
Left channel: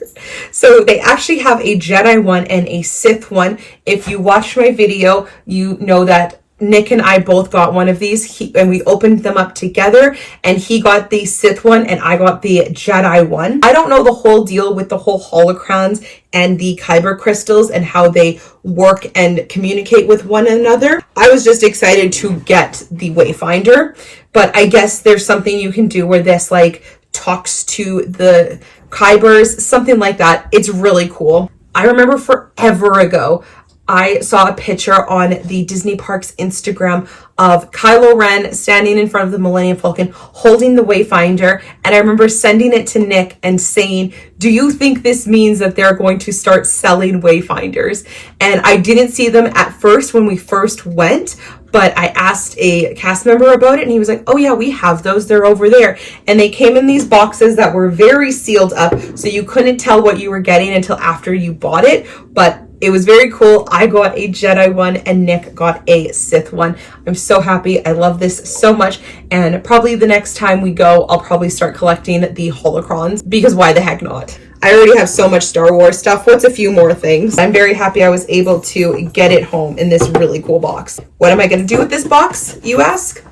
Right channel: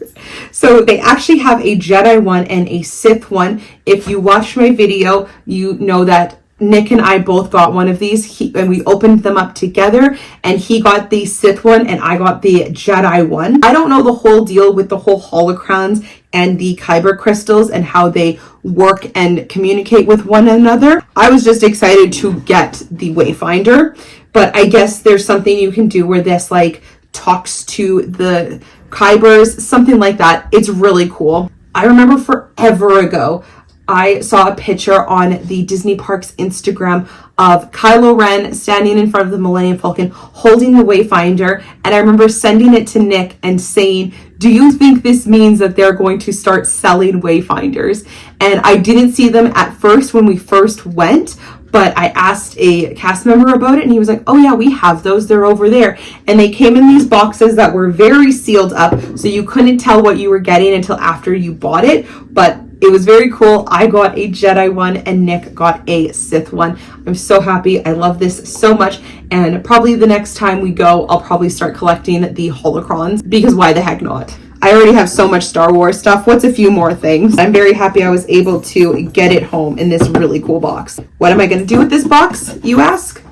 So they actually have a Jedi one and a Sith one. If you watch my video, you know that Nick and I both got one of these, and we opened them up together, and he got the Sith one and I got the Jedi one. I don't know the whole deal with the whole holocrons and the kyber crystals and how they work and communicate with one another. I was just excited to get the Wayfinder, but I guess there's something you can do where this like talks to the kybers, something like that. It's really cool. I remember forever ago, I saw a picture on the Disney Parks Instagram of Kylo Ren standing in front of the Millennium Falcon holding the Wayfinder, and I remember sending it to Nick and saying, do you think this means that they're going to start selling Wayfinders? And I didn't see them at first when we first went, but I asked a cast member about it and he was like, oh yeah, we have those, they're over there. And they came in these boxes that were very sealed up, so you couldn't tell what you were getting until after you bought it, but it was very cool. I got a Jedi one and Nick got a Sith one. I'm so happy. I love this so much. And probably the next time we go, I'll probably start collecting the holocrons, because why the heck not? I already have so much Star Wars stuff. What's a few more things? I'm very happy I was able to get it home in this really cool box. What am I going to do with this box, you ask?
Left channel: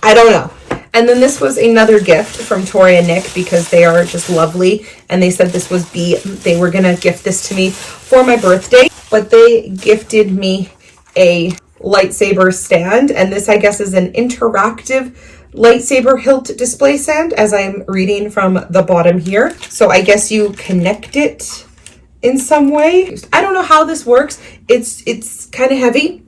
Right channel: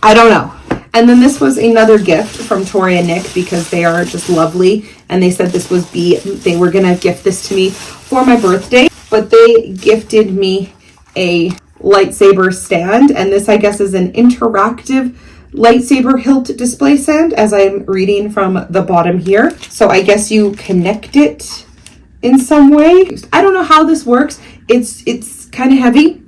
I don't know. And then this was another gift from Tori and Nick, because they are just lovely. And they said this was they were going to gift this to me for my birthday. But they gifted me a lightsaber stand. And this, I guess, is an interactive lightsaber hilt display stand, as I'm reading from the bottom here. So I guess you connect it in some way. I don't know how this works. It's kind of heavy.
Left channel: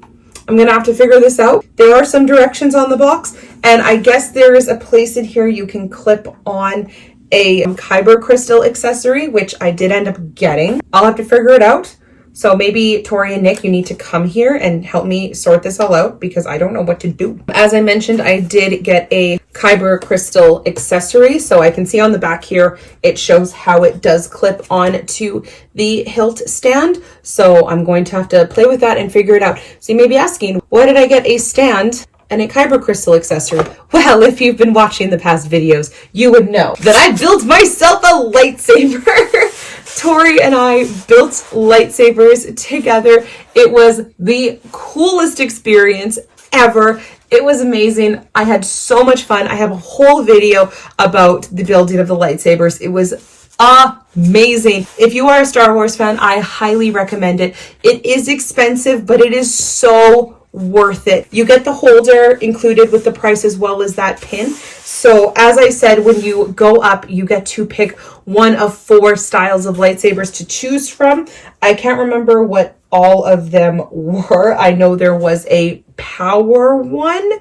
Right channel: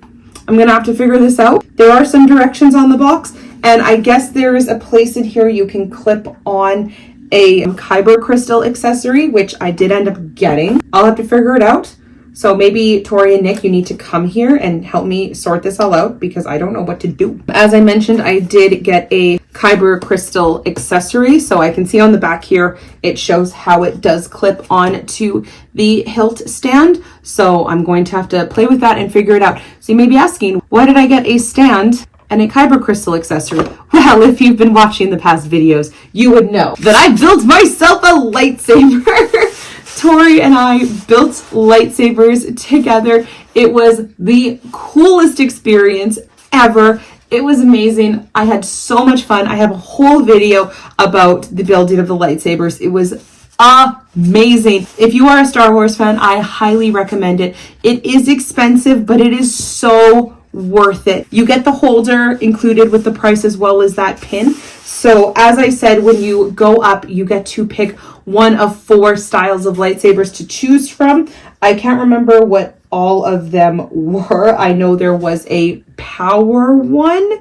I'm going to have to figure this out. There are some directions on the box. And I guess there is a place in here you can clip on a kyber crystal accessory, which I did end up getting. I'll have to figure it out. So maybe Tori and Nick, you need to come here and help me sort this all out, because I don't know what to do. As I mentioned, I did get a kyber crystal accessory. So I can see on the back here, it shows how it does clip on to the hilt stand. So I'm going to have to play with that and figure it out. So you may be asking, why did I get a stand and a kyber crystal accessory? Well, if you've been watching the past videos, you would know that I built myself a lightsaber. Tori and I built lightsabers together. It was the coolest experience ever. It was amazing. I had so much fun. I have a whole video about the building of the lightsabers. It was amazing. If you are a Star Wars fan, I highly recommend it. It is expensive, but it is so worth it. You get the holder included with the price, as well as that pin. So as I said, when you go up, you get to pick one of 4 styles of lightsabers to choose from. I can't remember what all of them were. I know there was a power one.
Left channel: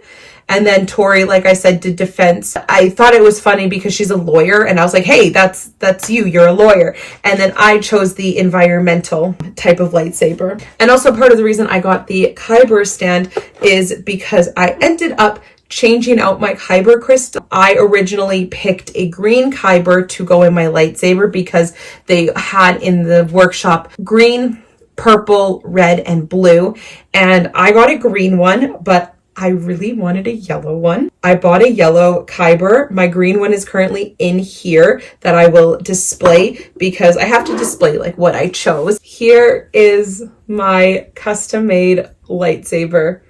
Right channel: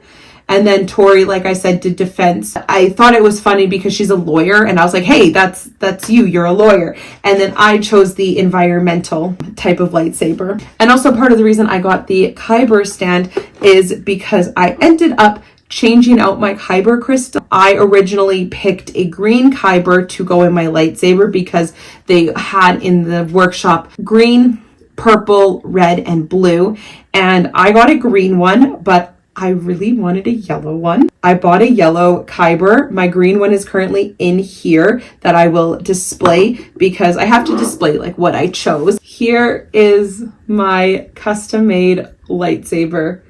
And then Tori, like I said, did defense. I thought it was funny because she's a lawyer, and I was like, hey, that's you, you're a lawyer. And then I chose the environmental type of lightsaber. And also part of the reason I got the kyber stand is because I ended up changing out my kyber crystal. I originally picked a green kyber to go in my lightsaber because they had in the workshop green, purple, red, and blue. And I got a green one, but I really wanted a yellow one. I bought a yellow kyber. My green one is currently in here that I will display, because I have to display like what I chose. Here is my custom made lightsaber.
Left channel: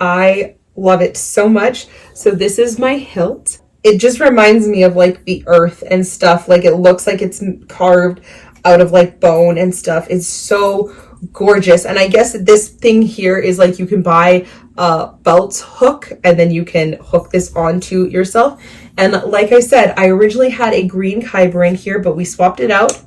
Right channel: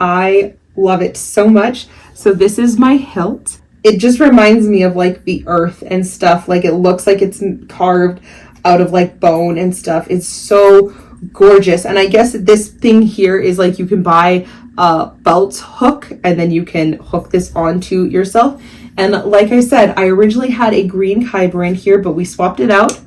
I love it so much. So this is my hilt. It just reminds me of like the earth and stuff. Like it looks like it's carved out of like bone and stuff. It's so gorgeous. And I guess this thing here is like you can buy a belt hook and then you can hook this onto yourself. And like I said, I originally had a green kyber in here, but we swapped it out.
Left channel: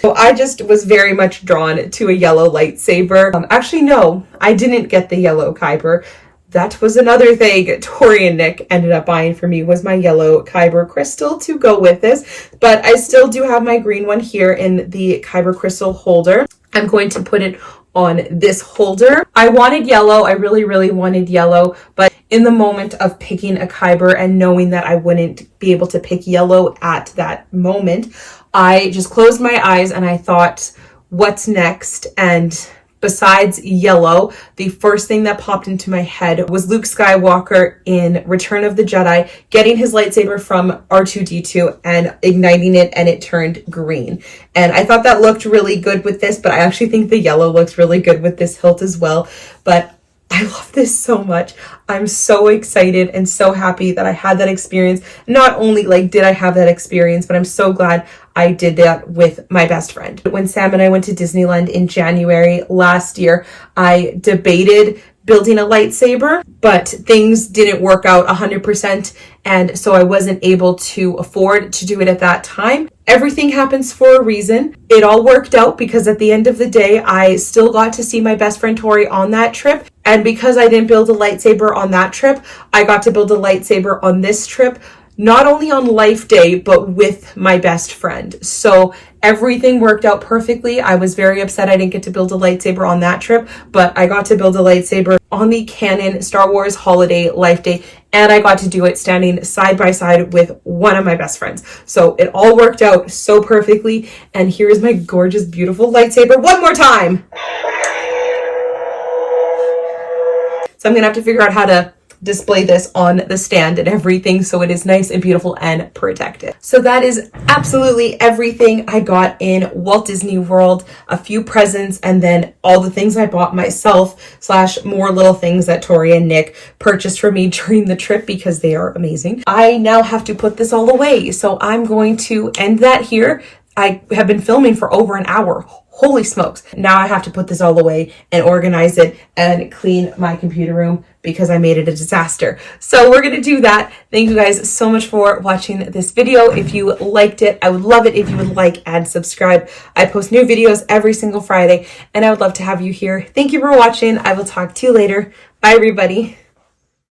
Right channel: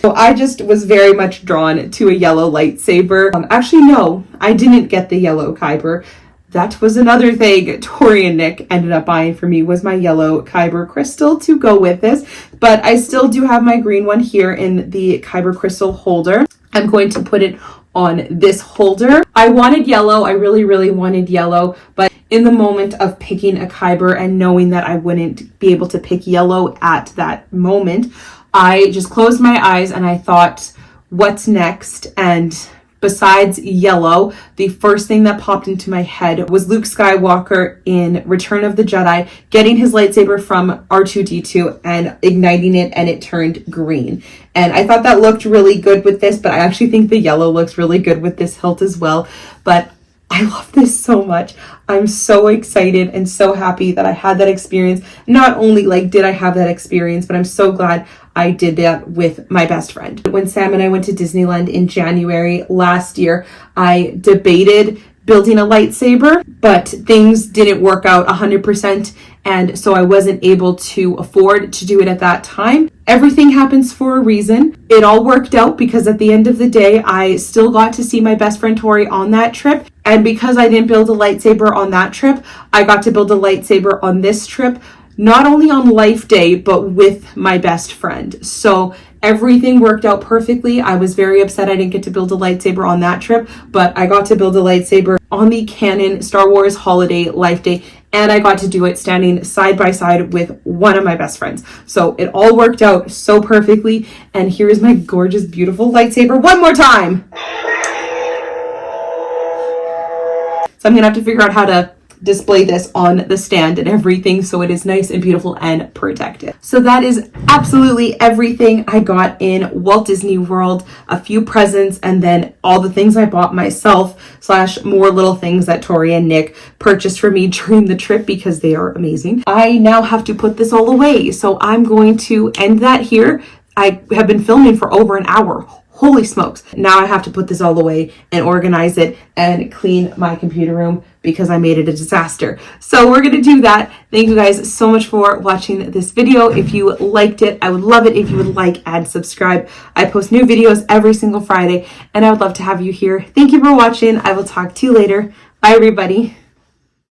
So I just was very much drawn to a yellow lightsaber. Actually, no, I didn't get the yellow kyber. That was another thing Tori and Nick ended up buying for me, was my yellow kyber crystal to go with this. But I still do have my green one here in the kyber crystal holder. I'm going to put it on this holder. I wanted yellow. I really, really wanted yellow. But in the moment of picking a kyber and knowing that I wouldn't be able to pick yellow at that moment, I just closed my eyes and I thought, what's next? And besides yellow, the first thing that popped into my head was Luke Skywalker in Return of the Jedi getting his lightsaber from R2-D2 and igniting it, and it turned green. And I thought that looked really good with this, but I actually think the yellow looks really good with this hilt as well. But I love this so much. I'm so excited and so happy that I had that experience. Not only did I have that experience, but I'm so glad I did that with my best friend. When Sam and I went to Disneyland in January last year, I debated building a lightsaber, but things didn't work out 100%, and so I wasn't able to afford to do it at that time. Everything happens for a reason. It all worked out because at the end of the day, I still got to see my best friend Tori on that trip, and because I didn't build a lightsaber on that trip, I got to build a lightsaber on this trip, not only on Life Day, but with my best friend. So everything worked out perfectly. I was very upset I didn't get to build a lightsaber on that trip, but I got to build a lightsaber on the canon Star Wars Holiday Life Day, and I got to do it standing side by side with one of my best friends. So it all worked out so perfectly, and here is my gorgeous, beautiful lightsaber one more time. So I'm gonna have to figure out how to display this on the stand and everything so it is nice and beautiful and protected. So that is absolutely everything I got in Walt Disney World, a few presents, and then all the things I bought myself / more little things that Tori and Nick purchased for me during the trip because they are amazing. I now have to put this all away, so I'm going to end that here. I have been filming for over an hour. Holy smokes. Now I have to put this all away and organize it and clean my computer room because I made it a disaster. So we're going to do that. Thank you guys so much for watching this video. If you liked it, I would love it if you would like and subscribe. I post new videos every single Friday, and I would love to have you here. Thank you for watching. I will talk to you later. Bye, everybody.